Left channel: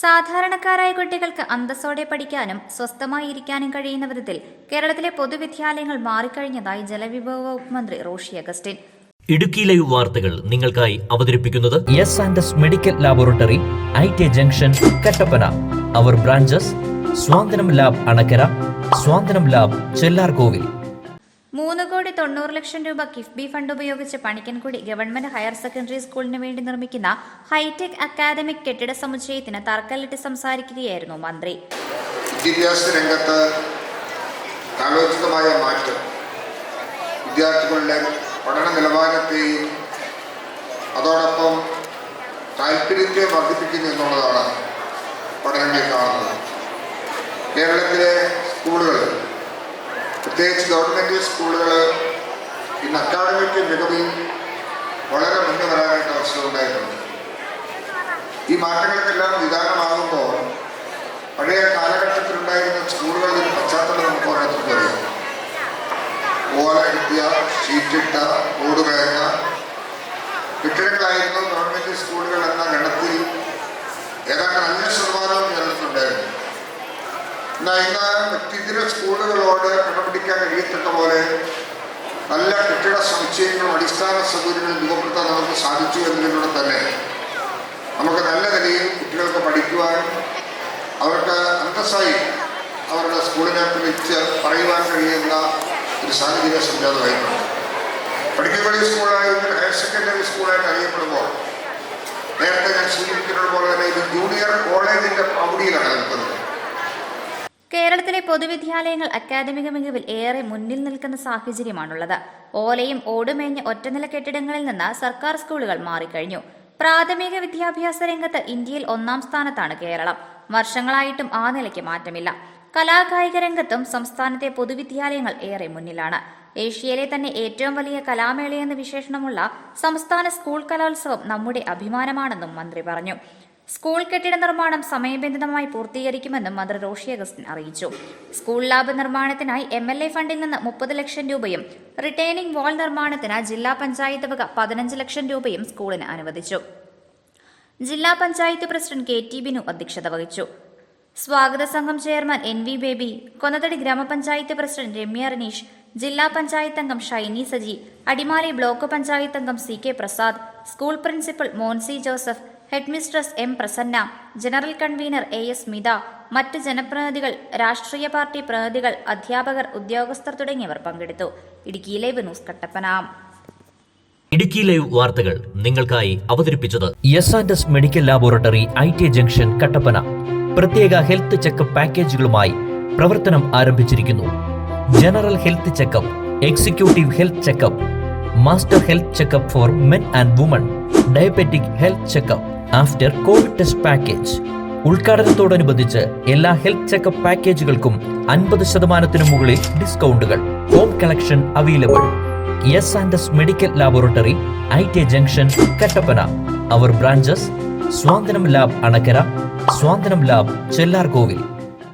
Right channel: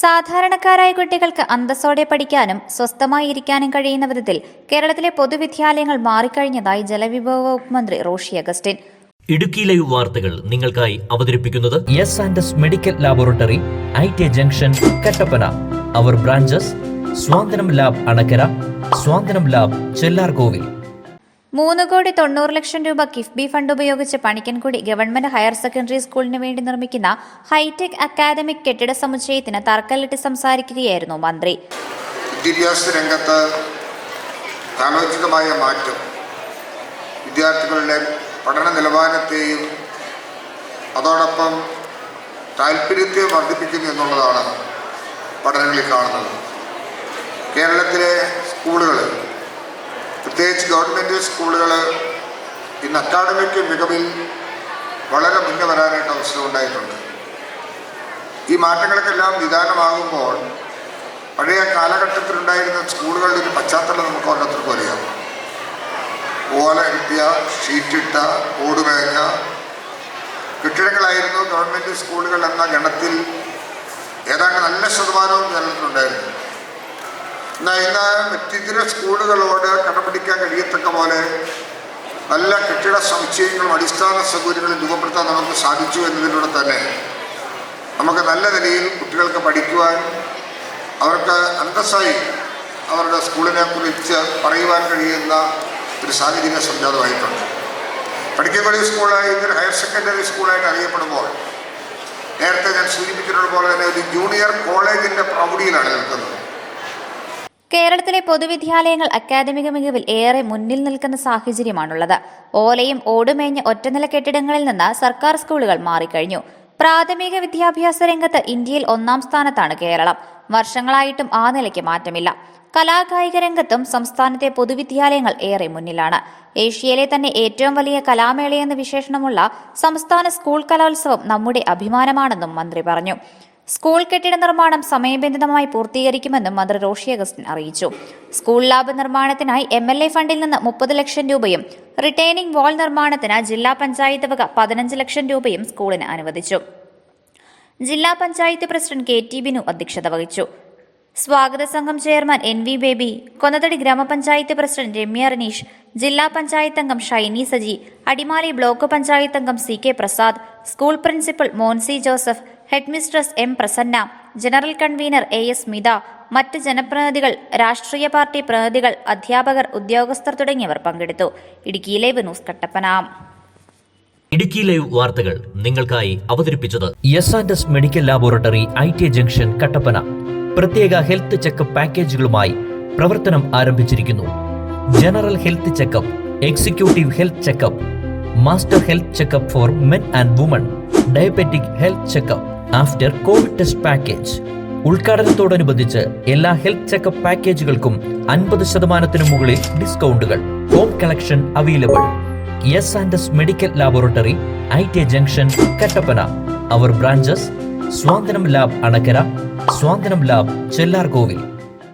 സാധാരണക്കാരായ കുട്ടികൾക്ക് അന്തസ്സോടെ പഠിക്കാനും സ്വസ്ഥമായി ഇരിക്കാനും കഴിയുന്ന വിധത്തിൽ കേരളത്തിലെ പൊതുവിദ്യാലയങ്ങൾ മാറിക്കഴിഞ്ഞതായി ജലവിഭവ വകുപ്പ് മന്ത്രി റോഷി അഗസ്റ്റിൻ. ഇടുക്കി ലൈവ് വാർത്തകൾ നിങ്ങൾക്കായി അവതരിപ്പിക്കുന്നത് S medical laboratory, IT. Junction, Kattappana. Our branches Swanthanam lab Anakkara, Swanthanam lab Chellarkovil. 3,90,00,000 രൂപ കിഫ്ബി ഫണ്ട് ഉപയോഗിച്ച് പണിക്കൻകുടി ഗവൺമെന്റ് ഹയർ സെക്കൻഡറി സ്കൂളിന് വേണ്ടി നിർമ്മിക്കുന്ന ഹൈടെക് അക്കാദമിക് കെട്ടിട സമുച്ചയത്തിന് തറക്കല്ലിട്ട് സംസാരിക്കുകയായിരുന്നു മന്ത്രി. വിദ്യാഭ്യാസ രംഗത്ത് കാലോചിതമായ മാറ്റം വിദ്യാർത്ഥികളുടെ പഠന നിലവാരത്തെയും അതോടൊപ്പം താല്പര്യത്തെ വർദ്ധിപ്പിക്കുന്നു എന്നുള്ളതാണ് പഠനങ്ങളിൽ കാണുന്നത്. കേരളത്തിലെ സ്കൂളുകൾ, പ്രത്യേകിച്ച് ഗവൺമെൻറ് സ്കൂളുകൾ ഇന്ന് അക്കാദമിക് മികവിൽ വളരെ മുന്നേ വരാനായിട്ട് അവസരം ഉണ്ടായിട്ടുണ്ട്. ഈ മാറ്റങ്ങൾക്കെല്ലാം നിദാനമാകുമ്പോൾ പഴയ കാലഘട്ടത്തിലുണ്ടായിരുന്ന സ്കൂളുകളുടെ പശ്ചാത്തലം നമുക്ക് ഓരോരുത്തർക്കും അറിയാം. ഓല കിട്ടിയ, ഷീറ്റിട്ട, ഓടുമേഞ്ഞ കെട്ടിടങ്ങളായിരുന്നു ഗവൺമെൻറ് സ്കൂളുകൾ എന്ന ഗണത്തിൽ ഏതാണ്ട് നല്ല ശതമാനവും കേരളത്തിലുണ്ടായിരുന്നു. എന്നാൽ ഇന്ന് വ്യക്തിഗത സ്കൂളുകളോട് കണ്ടുപിടിക്കാൻ കഴിയത്തക്ക പോലെ നല്ല കെട്ടിട സമുച്ചയങ്ങളും അടിസ്ഥാന സൗകര്യങ്ങളും രൂപപ്പെടുത്താൻ നമുക്ക് സാധിച്ചു എന്നതിലൂടെ തന്നെ നമുക്ക് നല്ല നിലയിൽ കുട്ടികൾക്ക് പഠിക്കുവാനും അവർക്ക് അന്തസ്സായി അവരുടെ സ്കൂളിനെ കുറിച്ച് പറയുവാൻ കഴിയുന്ന ഒരു സാഹചര്യം സംജാതമായിട്ടുണ്ട്. പണിക്കൻകുടി സ്കൂളായി ഇതൊരു ഹയർ സെക്കൻഡറി സ്കൂളായിട്ട് അറിയപ്പെടുമ്പോൾ നേരത്തെ ഞാൻ സൂചിപ്പിക്കുന്നത് പോലെ തന്നെ ഒരു ജൂനിയർ കോളേജിൻ്റെ പ്രൗഢിയിലാണ് നിൽക്കുന്നത്. കേരളത്തിലെ പൊതുവിദ്യാലയങ്ങൾ അക്കാദമിക മികവിൽ ഏറെ മുന്നിൽ നിൽക്കുന്ന സാഹചര്യമാണുള്ളത്. ഓലയും ഓടുമേഞ്ഞ ഒറ്റനില കെട്ടിടങ്ങളിൽ നിന്ന് സർക്കാർ സ്കൂളുകൾ മാറിക്കഴിഞ്ഞു. പ്രാഥമിക വിദ്യാഭ്യാസ രംഗത്ത് ഇന്ത്യയിൽ 1-ാം സ്ഥാനത്താണ് കേരളം. വർഷങ്ങളായിട്ടും ആ നിലയ്ക്ക് മാറ്റമില്ല. കലാകായിക രംഗത്തും സംസ്ഥാനത്തെ പൊതുവിദ്യാലയങ്ങൾ ഏറെ മുന്നിലാണ്. ഏഷ്യയിലെ തന്നെ ഏറ്റവും വലിയ കലാമേളയെന്ന വിശേഷണമുള്ള സംസ്ഥാന സ്കൂൾ കലോത്സവം നമ്മുടെ അഭിമാനമാണെന്നും മന്ത്രി പറഞ്ഞു. സ്കൂൾ കെട്ടിട നിർമ്മാണം സമയബന്ധിതമായി പൂർത്തീകരിക്കുമെന്നും മന്ത്രി റോഷി അഗസ്റ്റിൻ അറിയിച്ചു. സ്കൂൾ ലാബ് നിർമ്മാണത്തിനായി MLA ഫണ്ടിൽ നിന്ന് 30 ലക്ഷം രൂപയും റിട്ടേണിംഗ് വാൾ നിർമ്മാണത്തിന് ജില്ലാ പഞ്ചായത്ത് വക 15 ലക്ഷം രൂപയും സ്കൂളിന് അനുവദിച്ചു. ജില്ലാ പഞ്ചായത്ത് പ്രസിഡന്റ് KT ബിനു അധ്യക്ഷത വഹിച്ചു. സ്വാഗത സംഘം ചെയർമാൻ NV ബേബി, കൊന്നത്തടി ഗ്രാമപഞ്ചായത്ത് പ്രസിഡന്റ് രമ്യ റനീഷ്, ജില്ലാ പഞ്ചായത്ത് അംഗം ഷൈനി സജി, അടിമാലി ബ്ലോക്ക് പഞ്ചായത്ത് അംഗം CK Prasad, school principal Monsy Joseph, headmistress M Prasanna, general convener AS Mitha, മറ്റ് ജനപ്രതിനിധികൾ, രാഷ്ട്രീയ പാർട്ടി പ്രതിനിധികൾ, അധ്യാപകർ, ഉദ്യോഗസ്ഥർ തുടങ്ങിയവർ പങ്കെടുത്തു. Idukki live news Kattappana. Idukki live വാർത്തകൾ നിങ്ങൾക്കായി അവതരിപ്പിച്ചത് S medical laboratory, IT. Junction, Kattappana. പ്രത്യേക ഹെൽത്ത് ചെക്കപ്പ് പാക്കേജുകളുമായി പ്രവർത്തനം ആരംഭിച്ചിരിക്കുന്നു. General health checkup, executive health checkup, master health checkup for men and women, diabetic health checkup, after covid test package. ഉദ്ഘാടനത്തോടനുബന്ധിച്ച് എല്ലാ ഹെൽത്ത് ചെക്കപ്പ് പാക്കേജുകൾക്കും 50% മുകളിൽ ഡിസ്കൗണ്ടുകൾ. Home collection available. S medical laboratory, IT. Junction, Kattappana. Our branches Swanthanam lab Anakkara, Swanthanam lab Chellarkovil.